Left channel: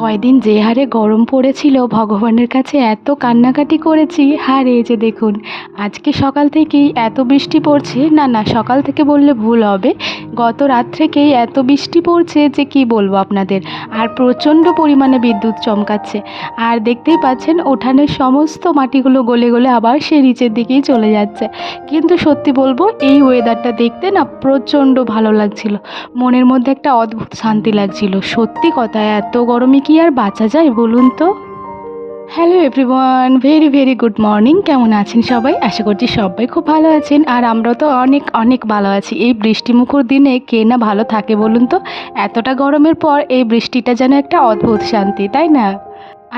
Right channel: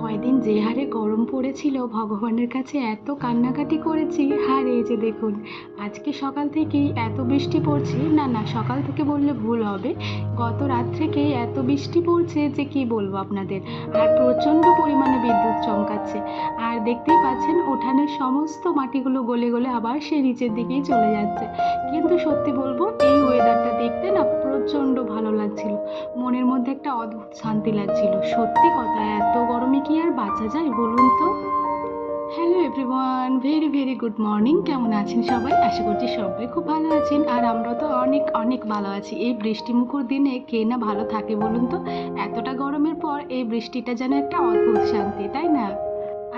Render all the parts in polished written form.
কয়দিন যে হারে গরম পড়েছিল ভগবানের কাছে এত কান্নাকাটি করেছি। আর এই যে দেখুন, আজকে সকাল থেকেই এত বৃষ্টি পড়ছে, না না সকাল থেকে বললে ভুল হবে, গত রাত থেকেই এত বৃষ্টি পড়ছে যে কি বলবো আপনাদের। আর প্রচণ্ড পরিমাণে বিদ্যুৎ চমকাচ্ছে। আর দেখতেই পাচ্ছেন উঠানের সমস্ত মাটিগুলো গলে গলে আবার সে নিচের দিকেই চলে যাচ্ছে। কিন্তু সত্যি বলবো, এই ওয়েদারটা দেখতে না প্রচণ্ড ভালো লাগছিল। মনের মধ্যে একটা অদ্ভুত শান্তি লাগছিল। সত্যি কথা, এত গরমে কি আর বাঁচা যায় বলুন তো। Hello everyone, very very good morning. কেমন আছেন সবাই? আশা করছি সবাই খুব ভালো আছেন। আর আমরাও তো অনেক অনেক ভালো আছি। এই বৃষ্টিমুখর দিনে কে না ভালো থাকে বলুন তো। এতটা গরমের পর এই বৃষ্টিটা যেন একটা অদ্ভুত শান্তি, তাই না?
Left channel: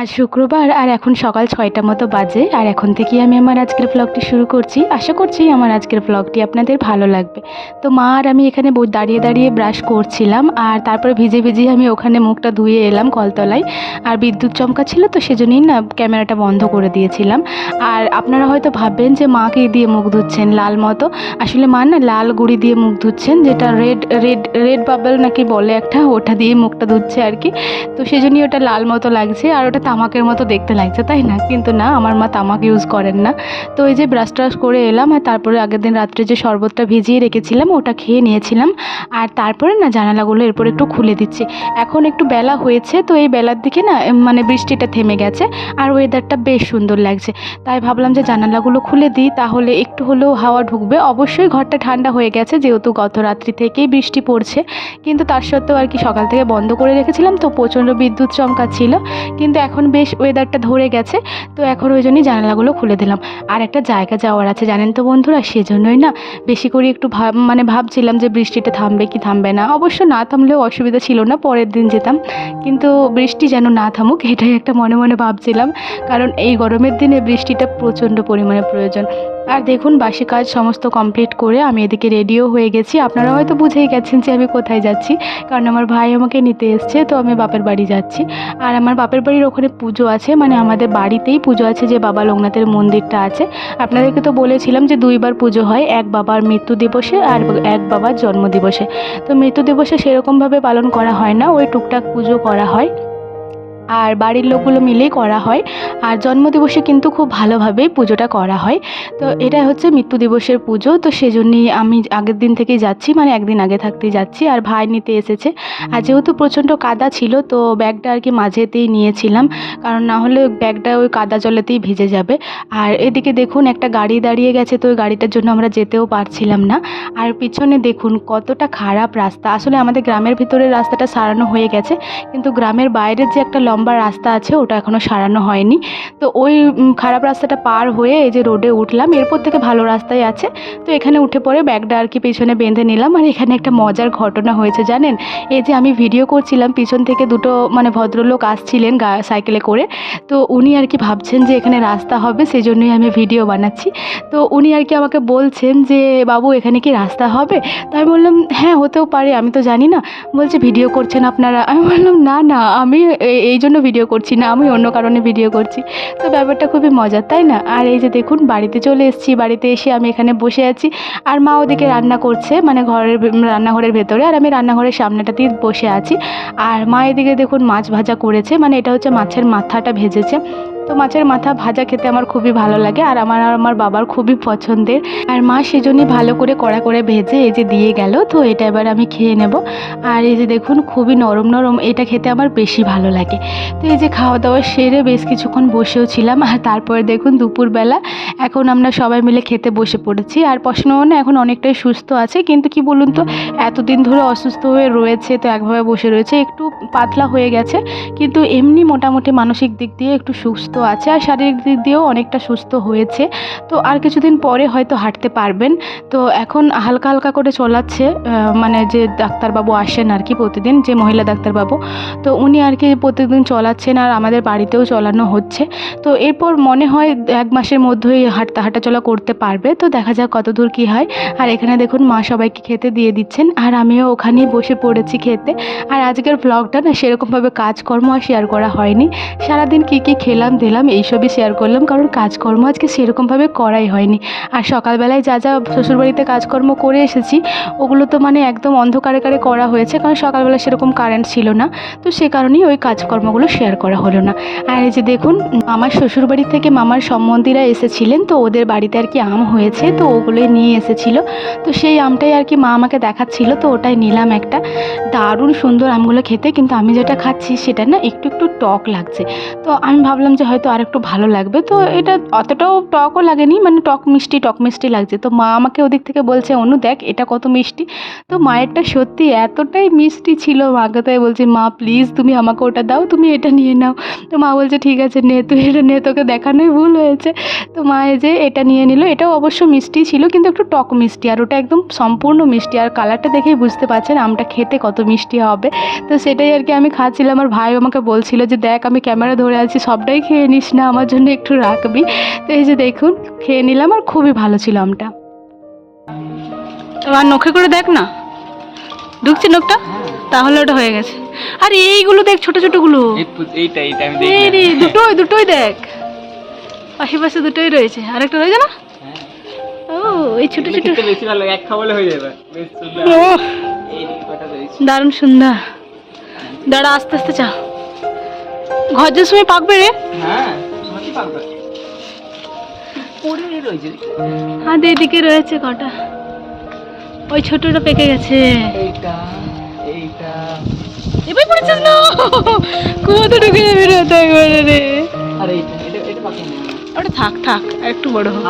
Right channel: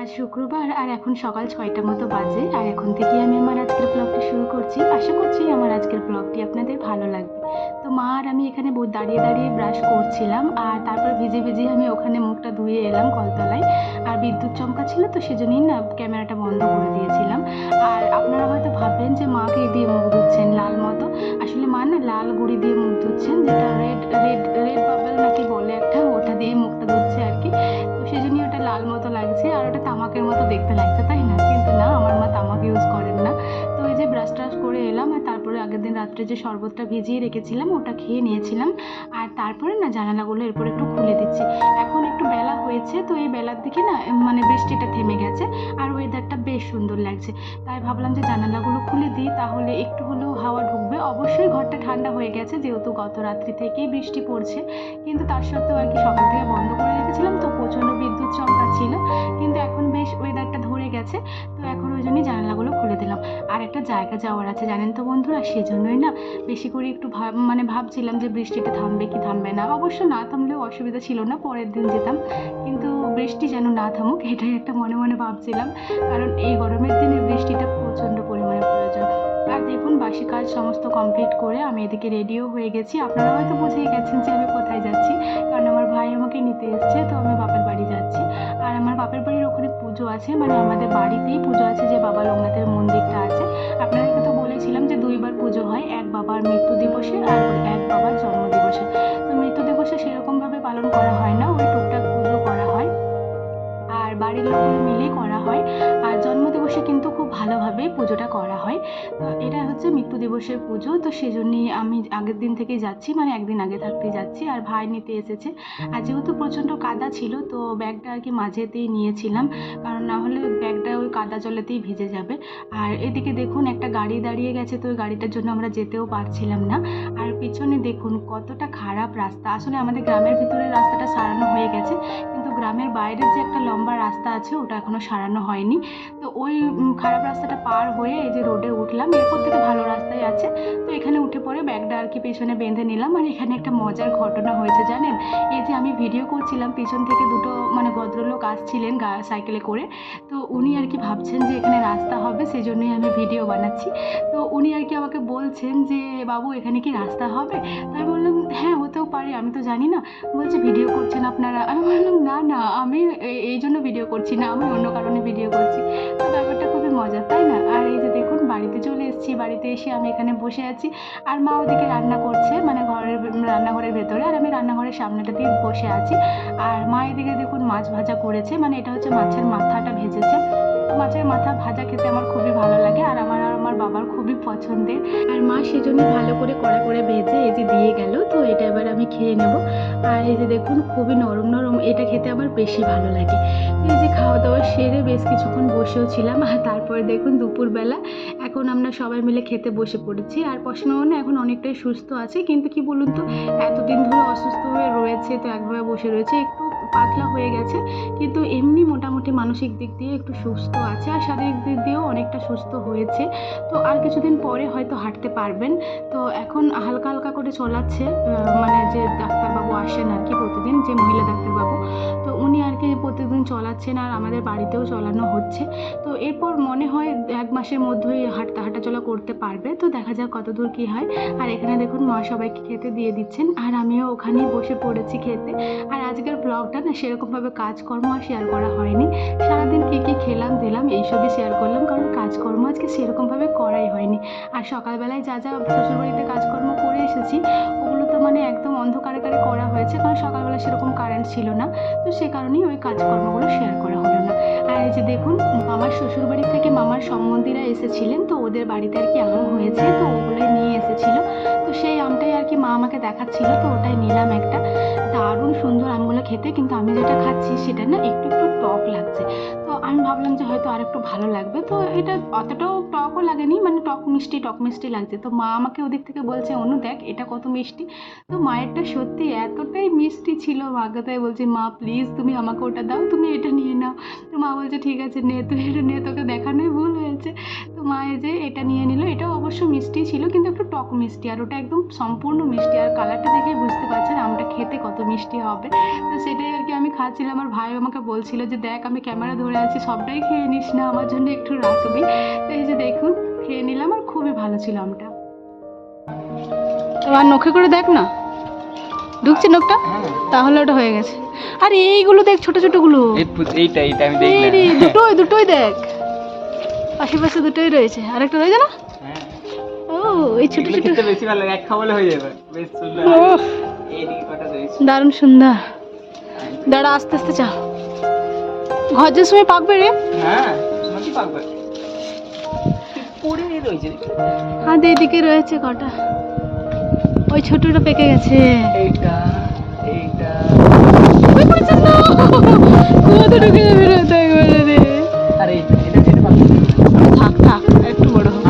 আজ শুক্রবার আর এখন সকাল 6টা মতো বাজে। আর এখন থেকেই আমি আমার আজকের ব্লগটি শুরু করছি। আশা করছি আমার আজকের ব্লগটি আপনাদের ভালো লাগবে। তো মা আর আমি এখানে দাঁড়িয়ে দাঁড়িয়ে ব্রাশ করছিলাম। আর তারপরে ভিজে ভিজে আমি ওখানে মুখটা ধুয়ে এলাম কলতলায়। আর বিদ্যুৎ চমকাচ্ছিল তো সেজন্যই না ক্যামেরাটা বন্ধ করে দিয়েছিলাম। আর আপনারা হয়তো ভাববেন যে মাকে দিয়ে মুখ ধুচ্ছেন লাল মতো। আসলে মা না লাল গুঁড়ি দিয়ে মুখ ধুচ্ছেন, যেটা রেড রেড রেড বাবেল নাকি বলে একটা, ওটা দিয়ে মুখটা ধুচ্ছে আর কি। তো সেজন্যই ওটা লাল মতো লাগছে আর ওটা তামাকের মতো দেখতে লাগছে, তাই না? কিন্তু না, আমার মা তামাক ইউজ করেন না। তো এই যে ব্রাশ ট্রাশ করে এলাম আর তারপরে আগের দিন রাত্রে যে শরবতটা ভিজিয়ে রেখেছিলাম ওটা খেয়ে নিয়েছিলাম। আর তারপরে না জানালাগুলো এরপর একটু খুলে দিচ্ছি। এখন একটু বেলা হয়েছে, তো এই বেলার দিকে না মানে বৃষ্টিটা থেমে গেছে আর ওয়েদারটা বেশ সুন্দর লাগছে। তাই ভাবলাম যে জানালাগুলো খুলে দিই, তাহলে একটু হলেও হাওয়া ঢুকবে। অবশ্যই ঘরটা ঠান্ডা হয়ে গেছে যেহেতু গত রাত্রি থেকেই বৃষ্টি পড়ছে, কিন্তু তার সত্ত্বেও আর কি সকাল থেকে বন্ধ করে রেখেছিলাম, তো প্রচণ্ড বিদ্যুৎ চমকাচ্ছিল। কিন্তু এখন বেশ ওয়েদারটা ধরে গেছে, তো এখন ওই জন্যই জানালাগুলো খুলে দিলাম। আর একটা জায়গা যাওয়ার আছে জানেন তো বন্ধুরা, সেজন্যই না বেশি করে একটু ভাবছিলাম যে বৃষ্টিটা থামবে কি থামবে না। অবশ্য না থামলেও অসুবিধা ছিল না, পরের দিন যেতাম। কিন্তু বৃষ্টি যেন না থামুক এটাই একটা মনে মনে ভাবছিলাম, কারণ এই গরমের দিনে বৃষ্টিটা প্রচণ্ড পরিমাণে প্রয়োজন। আর দেখুন বাসি কাজ সমস্ত কমপ্লিট করে আমি এদিকে রেডিও হয়ে গেছি। আপনারা হয়তো বুঝেই গেছেন যে আমি কোথায় যাচ্ছি, কারণ আমার ভাই আমাকে নিতে এসছে, তো আমি বাপের বাড়ি যাচ্ছি। আর আমার বাপের বাড়ির ওখানে পুজো আছে, মানে আমাদের বাড়িতেই পুজো আছে, যে বাবা লোকনাথের মন্দিরটা আছে। আপনাদেরকে তো বলেছিলাম যে দুইবার পুজো হয়, এক বাবার মৃত্যু দিবসে আর এক বাবার জন্মদিবসে। তো মৃত্যু দিবসে সেরকমভাবে পালন করা হয় না, ওই টুকটাক পুজো করা হয় আর বাড়ির লোকগুলো মিলেই করা হয়। আর জন্মদিবসে কিন্তু খুব ভালোভাবেই পুজোটা করা হয়। তো এটা হচ্ছে মৃত্যু দিবসের পুজো, তো সেজন্যই আমি আগের দিন থেকেই যাচ্ছি, মানে একদিন আগে থাকতেই যাচ্ছি। আর ভাই নিতে এসেছে। আর যেহেতু প্রচণ্ড কাদা ছিল তো ব্যাগটা আর কি মাঝেতেই নিয়েছিলাম, কারণ না হলে ব্যাগটা ওই কাদা জলেতেই ভিজে যাবে। আর এদিকে দেখুন একটা গাড়ি দাঁড়িয়ে গেছে, তো ওই গাড়িটার জন্য আমরা যেতেও পারছিলাম না। আর পিছনে দেখুন কতটা খারাপ রাস্তা। আসলে আমাদের গ্রামের ভিতরের রাস্তাটা সারানো হয়ে গেছে, কিন্তু গ্রামের বাইরের যে একটা লম্বা রাস্তা আছে ওটা এখনও সারানো হয়নি। তো ওই খারাপ রাস্তাটা পার হয়ে এই যে রোডে উঠলাম, এরপর থেকে ভালো রাস্তায় আছে। তো এখানে উঠে পড়ে ব্যাগটা আর কি পেছনে বেঁধে নিলাম। আর এখানে একটা মজার ঘটনা হয়েছে জানেন, এই যে আমি ভিডিও করছিলাম পিছন থেকে দুটো মানে ভদ্রলোক আসছিলেন সাইকেলে করে। তো উনি আর কি ভাবছেন যে এখানে রাস্তা হবে, সেজন্যই আমি ভিডিও বানাচ্ছি। তো উনি আর কি আমাকে বলছেন যে বাবু এখানে কি রাস্তা হবে? তো আমি বললাম হ্যাঁ হতেও পারে, আমি তো জানি না। বলছে ভিডিও করছেন আপনারা? আমি বললাম না না, আমি এই জন্য ভিডিও করছি না, আমি অন্য কারণে ভিডিও করছি। তো ব্যাপারটা খুবই মজার, তাই না? আর এই যে দেখুন বাড়িতে চলে এসেছি, বাড়িতে এসে আমি এখানে বসে আছি। আর মা ওদিকে রান্না করছে, মানে রান্নাঘরের ভেতরে, আর আমি রান্নাঘরের সামনেটাতেই বসে আছি। আর মা এদিকে দেখুন মাছ ভাজা করেছে, মানে এটা হচ্ছে মাছের মাথাটা ভেজেছে। তো মাছের মাথা ভাজা খেতে আমার খুবই ভালো লাগে, আর আমার বাবার খুবই পছন্দের। আর মা সেজন্যই ভালো করে কড়া করে ভেজে এই যে দিয়ে গেল। তো এটা এবার আমি খেয়ে নেব। আর এই যে দেখুন খুবই নরম নরম, এটা খেতে আমার বেশি ভালো লাগে। তো এই যে খাওয়া দাওয়া সেরে বেশ কিছুক্ষণ বসেও ছিলাম। আর তারপরে দেখুন দুপুরবেলা এখন আমরা সবাই মিলে খেতে বসে পড়েছি। আর প্রশ্নমনে এখন অনেকটাই সুস্থ আছে, কিন্তু কি বলুন তো, এতদিন ধরে অসুস্থ হয়ে রয়েছে, তো একভাবে বসে রয়েছে, একটু পাতলা হয়ে গেছে। কিন্তু এমনি মোটামুটি মানসিক দিক দিয়ে একটু সুস্থ আছে, আর শারীরিক দিক দিয়েও অনেকটা সুস্থ হয়েছে। তো আর কিছুদিন পরে হয়তো হাঁটতে পারবেন। তো এখন হালকা হালকা করে চলাচ্ছে, মানে যে ডাক্তারবাবু আসেন আর কি প্রতিদিন, যে মহিলা ডাক্তারবাবু, তো উনি আর কি প্রতিদিন চলাচ্ছেন, আর আমাদের বাড়িতেও চলানো হচ্ছে। তো এরপর মনে হয় 1 মাসের মধ্যেই হাঁটাচলা করতে পারবে। তো দেখা যাক কত দূর কী হয়। আর এখানে দেখুন মা সবাইকে খেতে দিয়ে দিচ্ছেন, আর আমিও ওখানেই বসে পড়েছি খেতে। আর আজকের ব্লগটা না সেরকমভাবে কাজকর্ম আর শেয়ার করা হয়নি। সারাদিন কী কী খেলাম দিলাম, এইসবই শেয়ার করলাম, কারণ কাজকর্ম আজকে সেরকমভাবে করাই হয়নি। আর সকালবেলায় যা যা শ্বশুরবাড়িতে কাজকর্ম করে এসেছি ওগুলো তো মানে একদম অন্ধকারে করা হয়েছে, কারণ সকালবেলা সেরকম কারেন্ট ছিল না, তো সে কারণেই ওই কাজকর্মগুলো শেয়ার করা হলো না। আর এই যে দেখুন, আমার শ্বশুরবাড়ি থেকে মামার সম্বন্ধীরা এসেছিলেন, তো ওদের বাড়িতে আর কি আম হয়েছে, তো ওগুলোই নিয়ে এসেছিলো। তো সেই আমটাই আর কি মা আমাকে দেখাচ্ছিল, তো ওটাই নিলাম একটা। দারুণ সুন্দর আমগুলো খেতে, কিন্তু আমি যেটা খাচ্ছি সেটা না একটু একটু টক লাগছে। তো আমি ভাবলাম যে হয়তো আর একটু ভালো লাগবে, তো এটা অতটাও টকও লাগেনি, মানে টক মিষ্টি লাগছে। তো মা আমাকে ওদিক থেকে বলছে, অনু দেখ এটা কত মিষ্টি। তো মায়েরটা সত্যি এতটাই মিষ্টি ছিল, মাকে তাই বলছি, মা প্লিজ তুমি আমাকে ওটা দাও, তুমি এটা নিয়ে নাও। তো মা বলছে ঠিক আছে নে, তুই এটা নে, তোকে দেখানোই ভুল হয়েছে। তো মা এই যে এটা নিয়ে নিল, এটাও অবশ্য মিষ্টি ছিল কিন্তু একটু টক মিষ্টি, আর ওটা একদম সম্পূর্ণ মিষ্টি, আর কালারটা দেখেই বুঝতে পারছেন আমটা খেতে কত মিষ্টি হবে। তো সেটাই আর কি আমি খাচ্ছিলাম, আর ভাই আমাকে বলছিল যে দেখ আমি ক্যামেরা ধরে আছি, সবটাই খেয়ে নিস না, আমার জন্য একটু রাখবি। তো এই যে দেখুন খেয়ে নিলাম, আর খুবই ভালো ছিল আমটা। এবার নখে করে দেখ না, ঢুকছে নখটা, তাহলে ওটা হয়ে গেছে। আর এইগুলো দেখ ছোট ছোটগুলো, এই রে দুটোই দেখ, আশেপাশে দুটোই রয়েছে, আরেকটা রয়েছে না। ও এই ছোট ছোট বেশি ভালো লাগে, এক খাওয়ালে হয়ে যাবে, বেশ সুন্দর। ও এইদিকে কটা রয়েছে, দারুণ সুন্দর। দাঁড়া আস্তে আস্তে চা, ঘর যে সময় পাকবে রে। হ্যাঁ সমাজই পাকবে, পুরি রয়েছে। হ্যাঁ এইদিকে রয়েছে কটা, ওই ছোটটা পেকে গেছে। এইটা এবার পড়েছে না, কত ঢুকে যাবে রে তো একবারে রে। আরে এটা পাকবে, ওটা থাক একটু বড় হোক।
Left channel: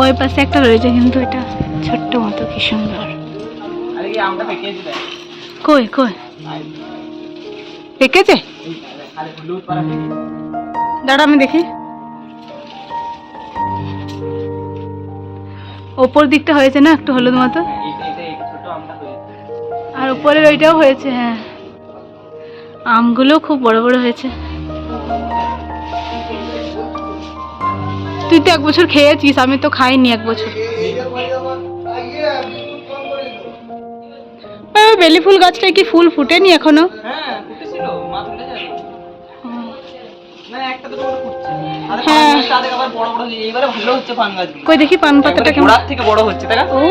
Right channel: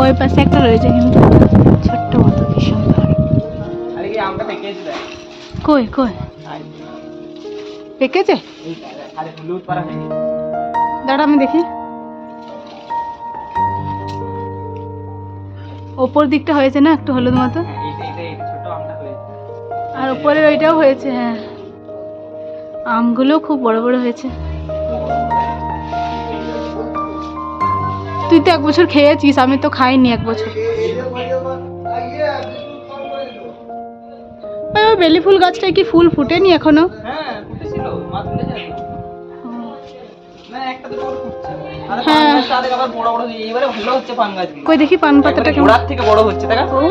ওই পাশে একটা রয়েছে, কিন্তু এটা ছোট্ট মতো, কি সুন্দর। আরে কি আমটা পেকেছে দেখ, কই পেকেছে, আরে হলুদ পারা হয়ে গেছে। দাঁড়া আমি দেখি, ওপর দিকটা হয়েছে না একটু হলুদ মতো, আর উপরের ওইটাও হয়েছে। হ্যাঁ আমগুলো খুব বড় বড় হয়েছে। তুই তো 1 বছর খেয়েছিস, আমি তো খাইনি 1 বছর। বেলি ফুল গাছটায় কি ফুল ফুটেনি এখনো? হ্যাঁ কই দেখি পান পাতাটা কেমন থেকে বড় হচ্ছে, তাই না? ও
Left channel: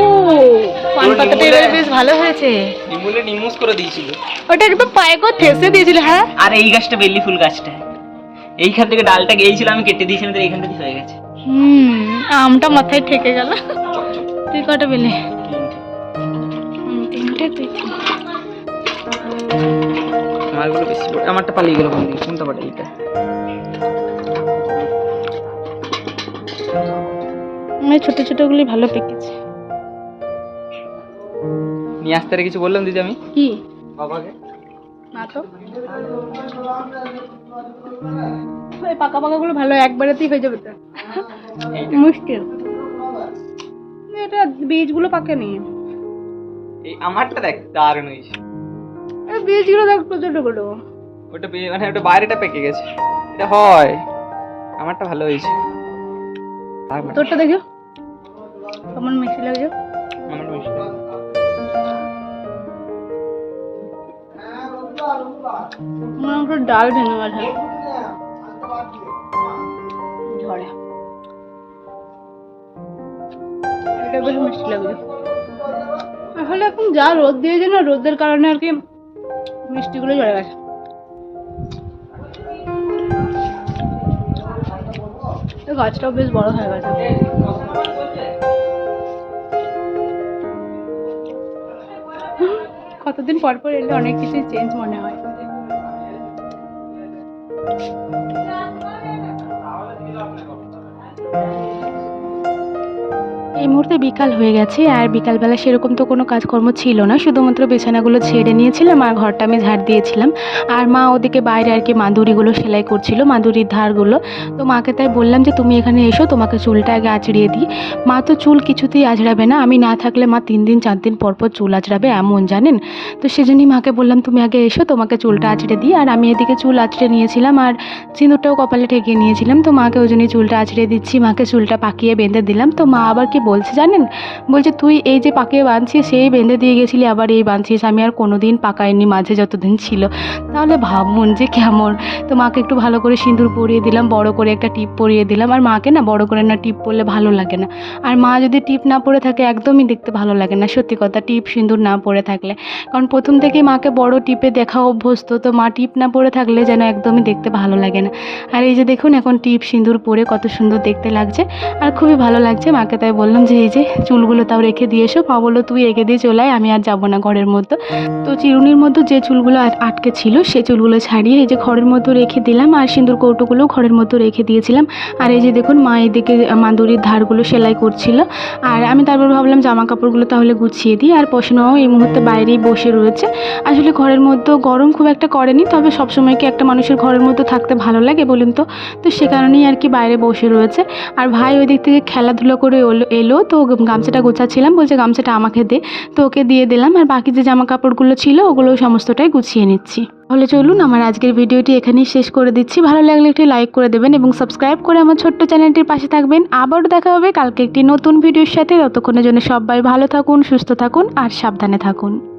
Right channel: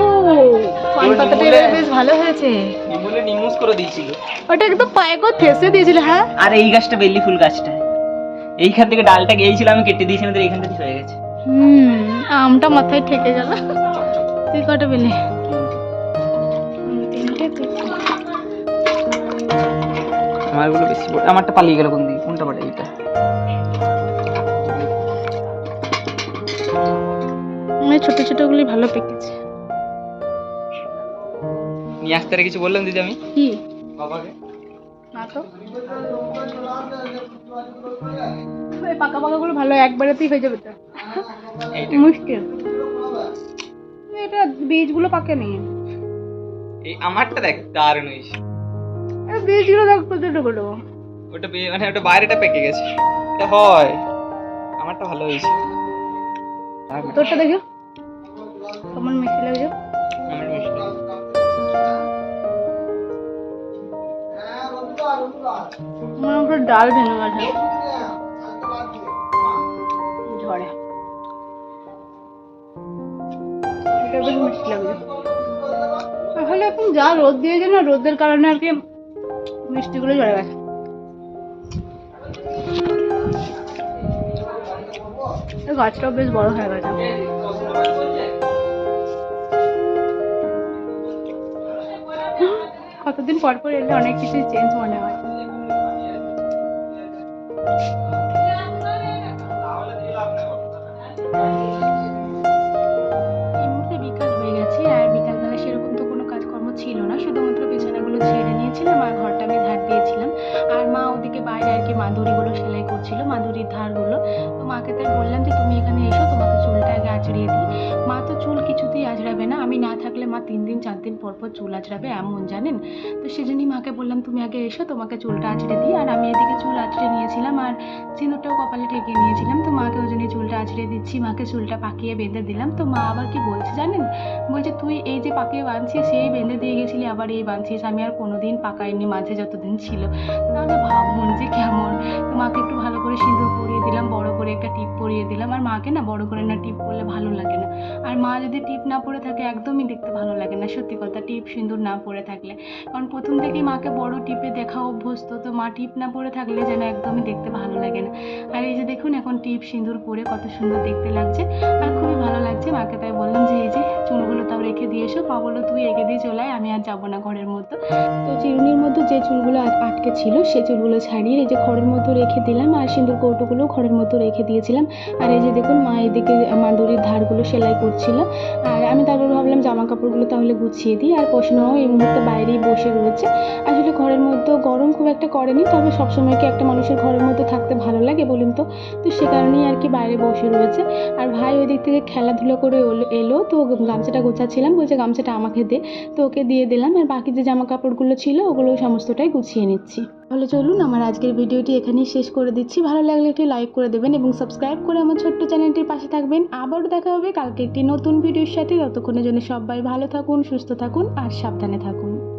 পান পাতাটা এবারে বেশ ভালো হয়েছে, নিমুলে নিমুস করে দিয়েছিল, ওটা একদম পায়ে করে ঠেসে দিয়েছিল। হ্যাঁ আর এই গাছটা বেলি ফুল গাছটা, এইখান থেকে ডালটা গিয়েছিল, আমি কেটে দিয়েছিলাম, তো এইখান থেকে হয়ে গেছে। আমটা মাথায় ঠেকে গেল। তুই কটা পেলে? 3টে। আমারগুলো বেশি বড়, আমারটা পালিয়ে গেল, কোনটা বড়? এইটা। ছোট ছোটগুলি ভালো পেকেছে। নিয়ে আসতে কিছু বললাম দিদি আমি, কি বাবাকে না তো, ওই পাকা পাকাগুলো ভালো, একবারেতেই হয়ে যাবে, তো মুশকিল। এটা বীজগুলো পাকেনি, এই আমারটা দেখ দারুণ হয়েছে, এই বীজগুলো দেখ ছোট ছোট, ওটা মানে ওটা বাইরেটা পেকে গেছে, এটা হয়। আমারটা ভালো হয়েছে, তোরটা দেখো কেমন মিষ্টি লাগছে। আমার মিষ্টি আমার ডাল ভেঙে গেছে ঝড়ে, এটা বেশ মিষ্টি লাগছে। আসলে এখন যা রোদ দিয়েছে না, রোদের কারণে আর কি মিষ্টিগুলো ঝরে গেছে। গাছটাও বেশ বড় হয়ে গেছে। কতদিন পর পর এলে অনেক কিছু চেঞ্জ মনে হয়। এই মুহূর্তে বিকাল হয়ে গেছে, আর বিকালবেলা সেরকম তো কোনো কাজকর্ম ছিল না, শুধুমাত্র বিছানাগুলো ছেড়ে নিয়েছিলাম আর ঘরটা আমি ঝাড় দিয়েছিলাম। আর মা ওদিকে বাইরে আর কি মাদুরিগুলো সেলাই করছিল, মাদুরির ধারগুলো। তো মাকে তাই বললাম যে তুমি এখানে এসো, তোমাকে চুলটা আগে আঁচড়িয়ে দিই। মা তো চুল কিছুতেই আঁচড়াবে না, আমি না থাকলে মা 3 দিন 4 দিন পর পর চুল আঁচড়াবে এমন, জানেন। তো সেজন্যই মাকে বললাম তুমি আগে এসো, তোমাকে চুলটা আঁচড়ে দিই। আর আমি এদিকে চুল আঁচড়ে নিয়েছিলাম, আর সিঁদুরটাও কপালে ঠেকিয়ে নিয়েছিলাম। তো মাকে ওই জন্যই চুলটা আঁচড়ে দিচ্ছি, মাকে চুলটা পাকিয়ে বেঁধে দিলাম। তো মা আবার কি বলছে জানেন, জানেন? বলছে তুই এই যে পাকে বাঁধছিস সেই বেঁধে দিয়ে গেছিলি, আবার এই বাঁধছিস, আমি আর কোনো দিন পাকাইনি মাঝে যতদিন ছিল। তাহলে ভাবুন যে কেমন। তো মাকে একটু ভালো করে সিঁদুর পরিয়ে দিলাম, বড় করে একটা টিপ পরিয়ে দিলাম। আর মাকে না বড় করে না টিপ পরলে ভালো লাগে না। আর মা যদি টিপ না পরে থাকে একদমই দেখতে ভালো লাগে না, সত্যি কথা, টিপ সিঁদুর না পরে থাকলে। কারণ প্রথম থেকেই মাকে বড় টিপে দেখা অভ্যস্ত, তো মা টিপ না পরে থাকলে যেন একদমই দেখতে ভালো লাগে না। আর এই যে দেখুন এখন টিপ সিঁদুর পরে কত সুন্দর দেখতে লাগছে আর খুবই ভালো লাগছে। মাকে তাই বললাম যে এই যে চুলগুলো তাও রেখে দিয়ে এসো। মা বললো তুই রেখে দিয়ে চলে আয়, আমি আর যাবো না ঘরের মধ্যে। তো চিরুনির মধ্যে যে চুলগুলো আটকে ছিল সে চুলগুলো ছাড়িয়ে এই যে ঘরের মধ্যে রেখে দিলাম, আর সিঁদুর কৌটোগুলোও ঘরের মধ্যে রেখে দিয়েছিলাম। আর এই যে দেখুন মা এদিকে মাদুরির ধারগুলো সেলাই করছিল, আর আমি তারপর ভাবলাম জামা কাপড়গুলো তাহলে গুছিয়ে দিই। আর পোষণাও এই মুহূর্তে বাইরেই বসে রয়েছে। আসলে ঘরের মধ্যে গরম খুব একটা করেনি, তবে সবসময় কি একটা মানুষের ঘরের মধ্যে থাকতে ভালো লাগে বলুন তো? তো সে কারণেই আর কি বাইরে বসে রয়েছে। আর ভাই ওই দিক থেকে খেলাধুলো করে এলো, তো গামছাটা গোছাচ্ছিলাম, বলছে গামছাটা আমাকে দে, তো ওকে দিয়ে দিলাম। আর বাকি যে জামা কাপড়গুলো ছিল ওগুলো সমস্তটাই গুছিয়ে নিচ্ছি। তাহলে চলুন আমার আজকের ভিডিওটি এখানেই শেষ করে দিচ্ছি। ভালো লাগলে একটি লাইক করে দেবেন এবং সাবস্ক্রাইব করে আমার ছোট্ট চ্যানেলটির পাশে থাকবেন। আবারও দেখা হবে কালকে একটি নতুন ভিডিওর সাথে। ততক্ষণের জন্য সবাই ভালো থাকুন, সুস্থ থাকুন আর সাবধানে থাকুন।